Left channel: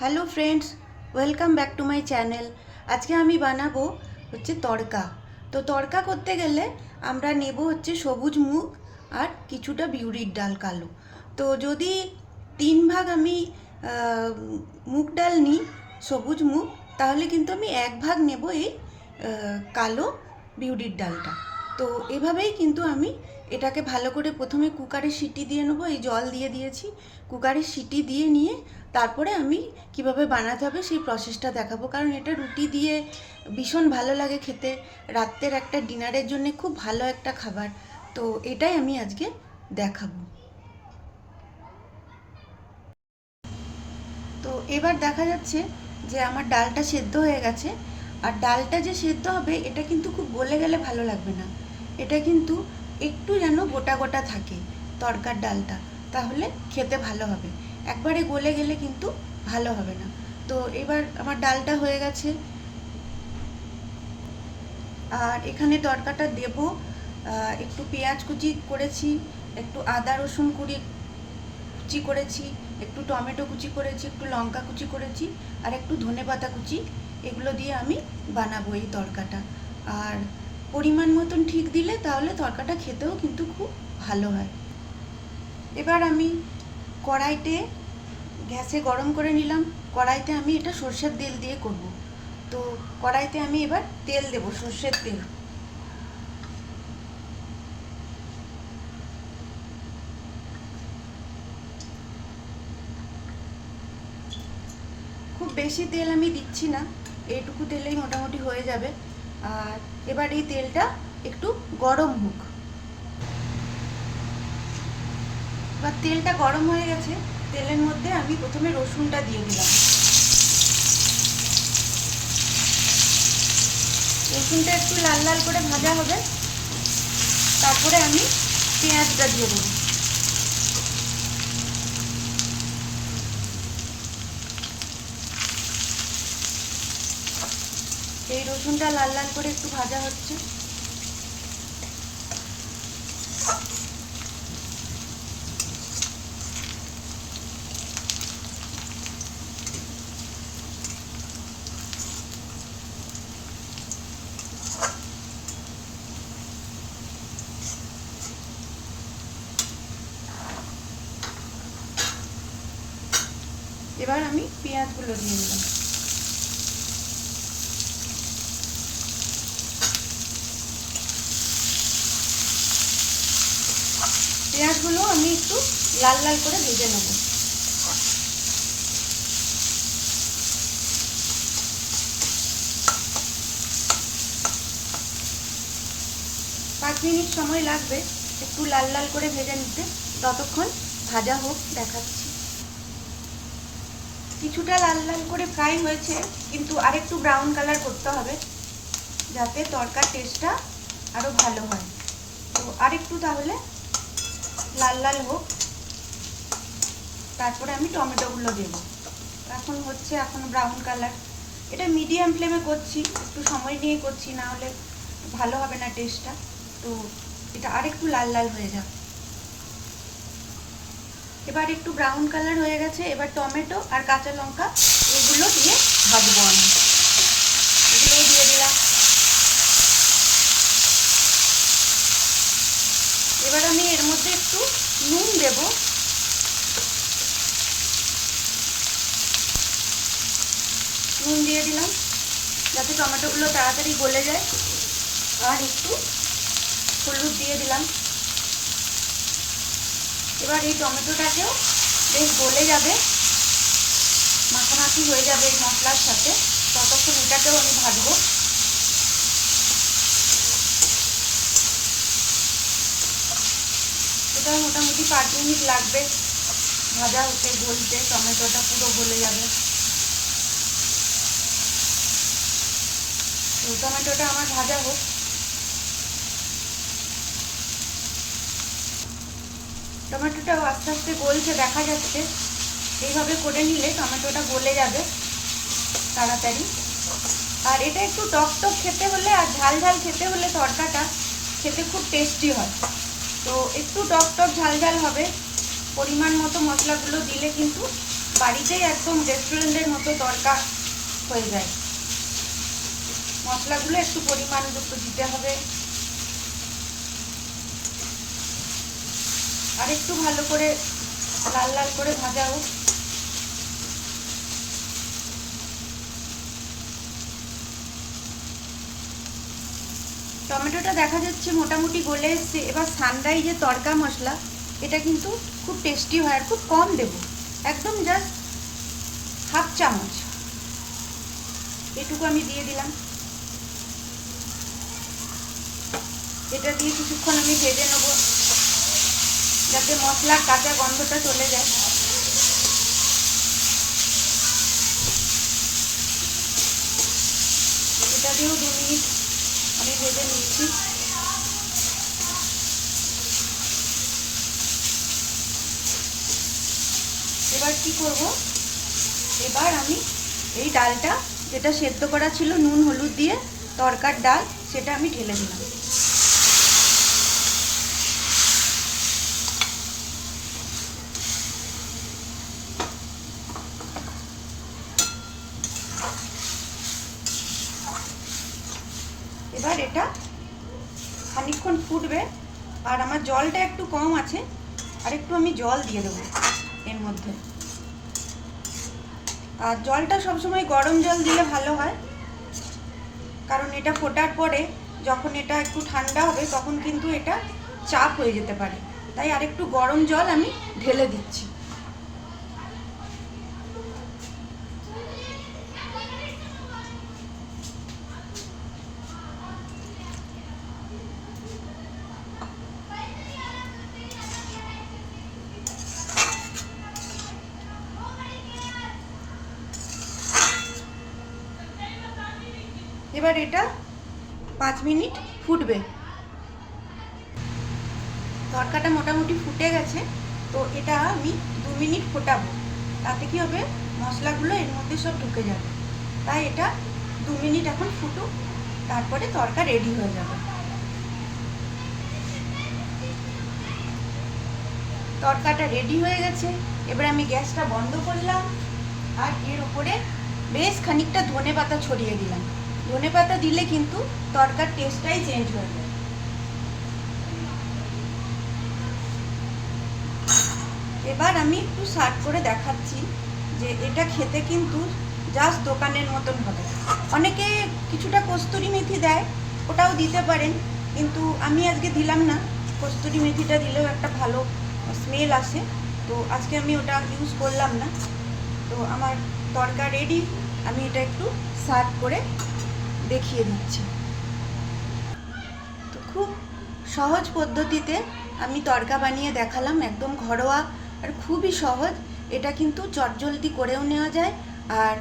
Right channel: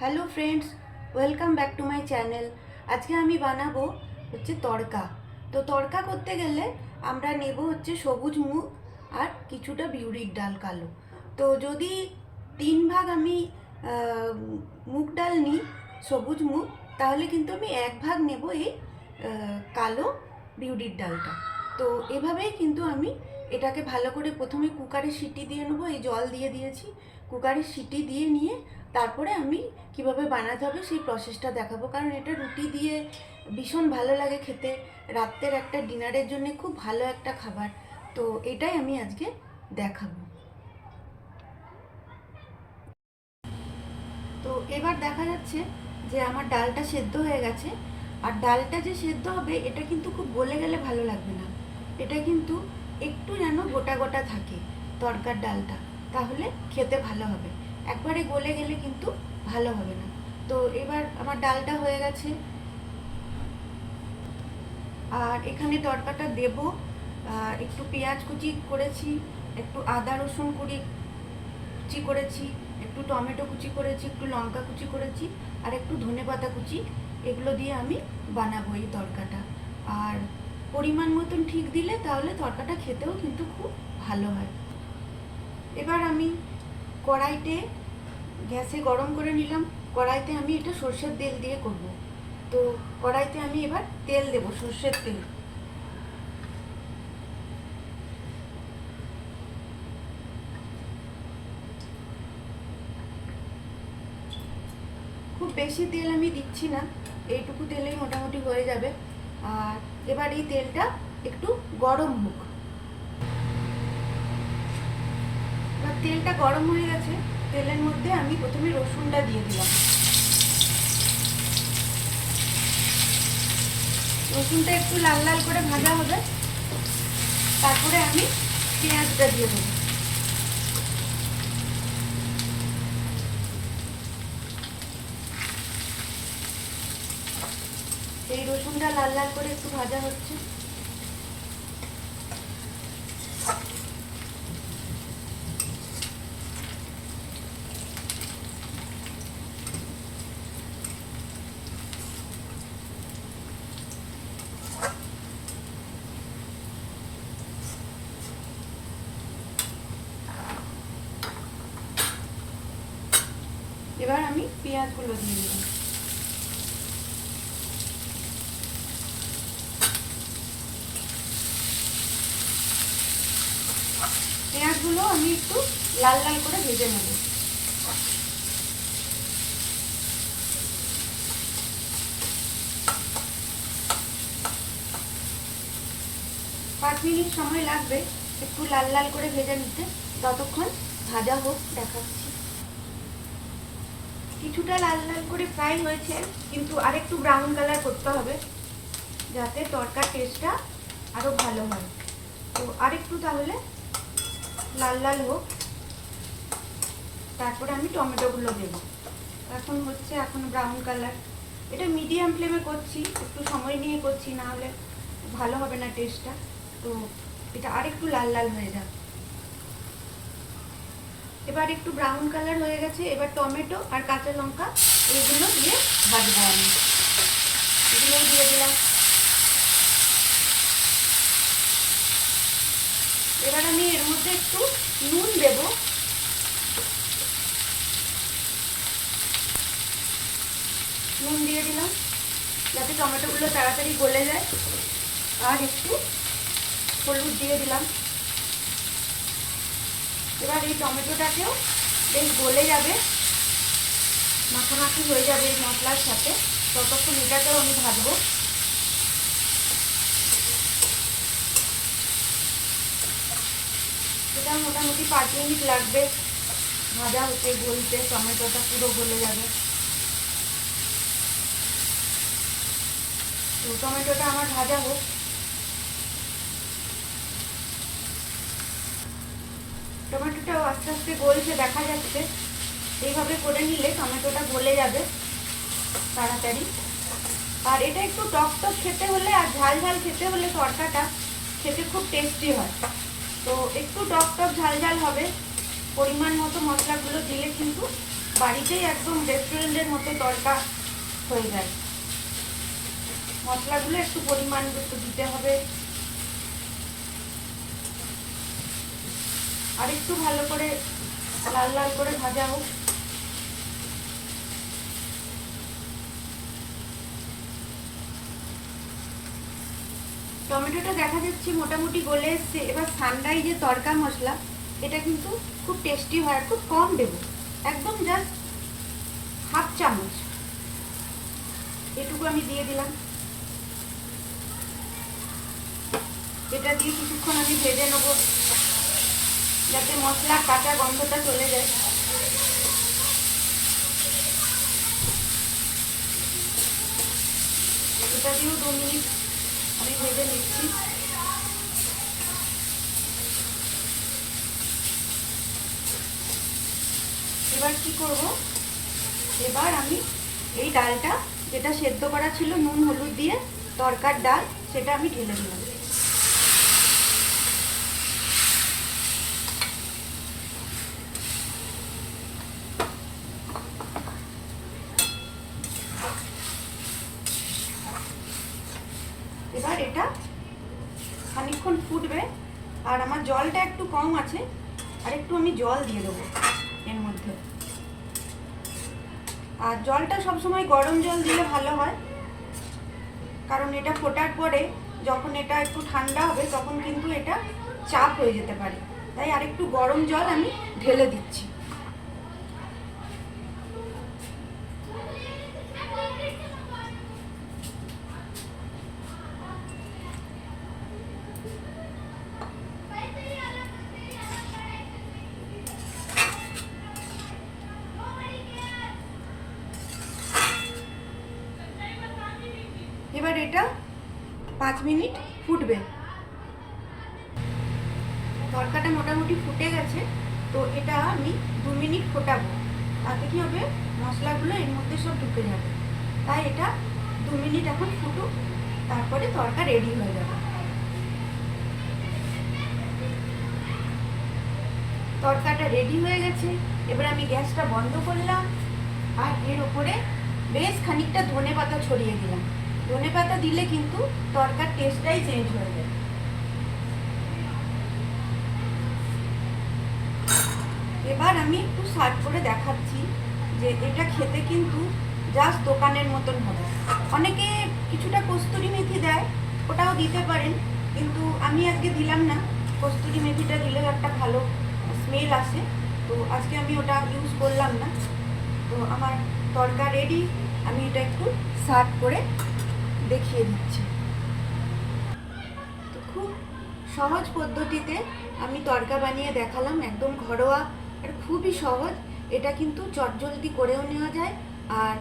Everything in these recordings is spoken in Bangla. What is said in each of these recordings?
Hello friends, welcome back to my channel. আজকে আমি বানাবো তড়কা। তো তড়কা করতে গেলে আমরা নেব সবুজ মুগ আর কিছুটা বিউলির ডাল কালো। তো যদি 3 ভাগ আমি মুগ ডাল নিই, সবুজ মুগ, তাহলে কিন্তু আমি 1 ভাগ নেব এই কালো বিউলির ডালটা। তো এভাবেই কিন্তু আমি এটাকে ভালো করে প্রথমে কুকারে সিটি দিয়ে নেবো। এই জল দিয়ে দিয়েছি, কুকারে সিটি দিয়ে নিয়ে তারপরে আমি কিভাবে বানাতে হবে সেই প্রসেসটা দেখাবো, কারণ এটা রুটি দিয়ে ভীষণ ভালো লাগে খেতে। রাত্রের একটা ডিনারের জন্য খুব ভালো একটা খাবার। তো এটাই আমি আজকে দেখাবো। তো এবার দেখা যাচ্ছে যে আমার ডালটা সেদ্ধ হয়ে গেছে। আর ডালটা যে সেদ্ধ হবে এটা কিন্তু খুব গলে গেলে ভালো লাগবে না, এটা কিন্তু একটু যেন গোটা গোটা থাকে তরকার ডালটা, তাহলে খেতে ভালো হবে। একবারে গলে গেলে কিন্তু ভালো হবে না। তো এবার আমার ডালটা হয়ে গেছে। আর এখানে তরকাটা দেব, একটু পেঁয়াজ কুচি করেছি, একটু আদা রসুন কুচি করেছি, একটু টমেটো কুচি করেছি, একটু লঙ্কা কুচি করেছি, আর একটু ধনেপাতা কুচি। এগুলো দিয়ে আমি বানাবো এই তরকাটা। আর পরিমাণ মতন ঠিক দিলে তাহলে তরকাটা খেতেও কিন্তু খুব ভালো হয়। এবার আমি কড়াইতে গ্যাসে গরম করে নিলাম। কড়াইতে আমি এটা সর্ষের তেল দিয়ে করব। তো কড়াইতে আমি এবার তেল দেব, সর্ষের তেল। খুব বেশি তেল আমি দিচ্ছি না, এইটুকু তেলেই মোটামুটি হয়ে যাবে। আর এবার এই তেলটা একটু গরম হোক। এবার তেলটা গরম হয়ে গেছে, তেলের মধ্যে আমি প্রথমে রসুনটা দিয়ে দিলাম। রসুনটা একটু লাল লাল করে ভাজা হবে, তারপরে আমি পেঁয়াজটা দিয়ে দেবো। এই রসুনটা লাল লাল করে একটু ভাজা হচ্ছে। এবার আমি পেঁয়াজগুলো দিয়ে দিলাম। পেঁয়াজগুলো আমি একটু লাল লাল করে ভেজে নেব। 5 মিনিট সময় লাগবে একটু লাল লাল করে ভেজে নিতে। ততক্ষণ ভাজা হোক, দেখাচ্ছি। কিছুটা লাল লাল করে ফ্রাই হয়েছে, কিন্তু আরেকটু ব্রাউন কালার করতে হবে যাতে তরকার টেস্টটা আরো ভালো হয়। তো আরেকটু তাহলে লাল লাল হোক, তারপরে আমি টমেটোগুলো দেব। এখন ব্রাউন কালার। এটা মিডিয়াম ফ্লেমে করছি, একটু সময় নিয়ে করছি, না হলে ভালো হবে না টেস্টটা। তো এটা আরেকটু লাল লাল হয়ে যাক। এবার একটু ব্রাউন কালার হয়ে গেছে। এবার টমেটো আর কাঁচা লঙ্কা এগুলো দিয়ে ভাজবো আমি। এগুলো দিয়ে দিলাম। এবার আমি এর মধ্যে একটু নুন দেব। নুন দিয়ে দিলাম যাতে টমেটোগুলো তাড়াতাড়ি গলে যায়। আর একটু হলুদ দিয়ে দিলাম। এবার এই টমেটোটাকেও বেশ গলে যাবে, মাখামাখি হয়ে যাবে এই মশলার সাথে, ততক্ষণ এটাকেও আমি ভাজবো। এটা মোটামুটি 5 মিনিট লাগবে ভাজা হতে, গলতে। টমেটোটা পুরো গলে যাবে। তো টমেটোটা আমার ভাজা হোক। টমেটোটাও আস্তে আস্তে গলছে, দেখা যাচ্ছে। এইভাবে করে নিলে টমেটোটা গলে যাবে তাড়াতাড়ি। আর এটা একটু টক টক খেতে হলে আর ঝাল ঝাল খেতে হলে তরকাটা খেতে খুব টেস্টি হয়। তো একটু টক টক ঝাল ঝাল হবে, পরিমাণ মতো মশলাগুলো দিলে কিন্তু বাড়িতেই একদম রেস্টুরেন্টের মতো তড়কা হয়ে যায়। মশলাগুলো একটু পরিমাণ মতো দিতে হবে, আর একটু ভালো করে লাল লাল করে ভাজা হোক। টমেটোটা দেখা যাচ্ছে মোটামুটি গলে এসছে। এবার সানরাইজের তড়কা মশলা, এটা কিন্তু খুব টেস্টি হয়, আর খুব কম দেব, একদম জাস্ট হাফ চামচ এটুকু আমি দিয়ে দিলাম। এটা দিয়ে কিছুক্ষণ আমি ভেজে নেব, যাতে মশলার কাঁচা গন্ধটা চলে যায়। এটা দিয়েও 2 মিনিট আমি ভেজে নিচ্ছি। এবার কি করব, এবার আমি এই ডালটা, যেটা সেদ্ধ করা ছিল নুন হলুদ দিয়ে তড়কার ডাল, সেটা আমি ঢেলে দিলাম। এবার এটা খানিকক্ষণ ফুটবে, আর আমার জলটা একটু কম আছে, আর একটু আমি জল দিয়ে দেবো এর মধ্যে। আর জলটা সবসময় গরম জল দিলে ভালো হয়, কারণ এটা ফোটার পরে যখন এটা একটু ঠান্ডা হবে তখন কিন্তু এটা চাপ হয়ে যেতে পারে, তাই আরেকটু গরম জল আমি ঢেলে দিচ্ছি। এবার এটা 5 মিনিট ফুটবে। তড়কাটা মোটামুটি ফুটে গেছে, তো এটা আমি 2 মিনিট ফোটাবো, তাতে কি হবে, মশলাগুলো এর মধ্যে সব ঢুকে যাবে। তাই এটা 2 মিনিট এখন ফুটুক, তারপরে তড়কা রেডি হয়ে যাবে। তড়কাটা রেডি হয়ে গেছে। এবার আমি গ্যাসটা বন্ধ করলাম, আর এর ওপরে বেশ খানিকটা ধনেপাতা ছড়িয়ে দিলাম। ধনেপাতা দিলে কিন্তু তড়কার টেস্টটাই চেঞ্জ হয়ে যায়। এবার আমি একটু সার্ভ করে দেখাচ্ছি যে এটা খেতে কিন্তু জাস্ট দোকানের মতন হবে। অনেকে কিছুটা কস্তুরি মেথি দেয়, ওটাও দিতে পারেন, কিন্তু আমি আজকে দিলাম না। কস্তুরি মেথিটা দিলেও একটা ভালো স্মেল আসে, তো আজকে আমি ওটা ইউজ করলাম না। তো আমার তড়কা রেডি, আমি এটা একটু সার্ভ করে দেখিয়ে দিচ্ছি। তো খুব সহজ পদ্ধতিতে আমি তড়কা বানিয়ে দেখালাম, একদম ঘরোয়া আর খুবই সহজ। এটা কিন্তু চটজলদি করেও নেওয়া যায়, আর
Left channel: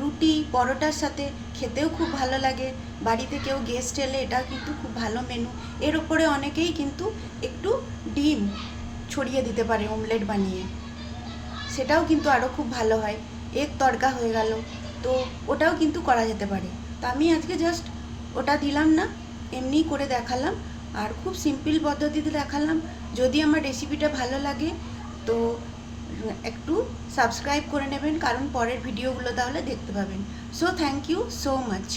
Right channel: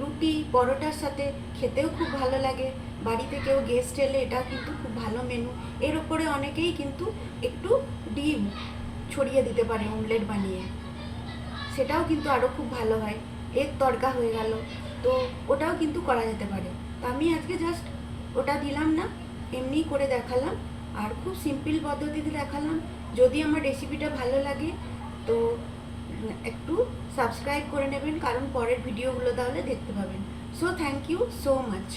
রুটি পরোটার সাথে খেতেও খুব ভালো লাগে। বাড়িতে কেউ গেস্ট এলে এটা কিন্তু খুব ভালো মেনু। এর ওপরে অনেকেই কিন্তু একটু ডিম ছড়িয়ে দিতে পারে অমলেট বানিয়ে, সেটাও কিন্তু আরও খুব ভালো হয়। এগ তড়কা হয়ে গেল, তো ওটাও কিন্তু করা যেতে পারে। তো আমি আজকে জাস্ট ওটা দিলাম না, এমনিই করে দেখালাম, আর খুব সিম্পল পদ্ধতিতে দেখালাম। যদি আমার রেসিপিটা ভালো লাগে তো একটু সাবস্ক্রাইব করে নেবেন, কারণ পরের ভিডিওগুলো তাহলে দেখতে পাবেন। So thank you so much.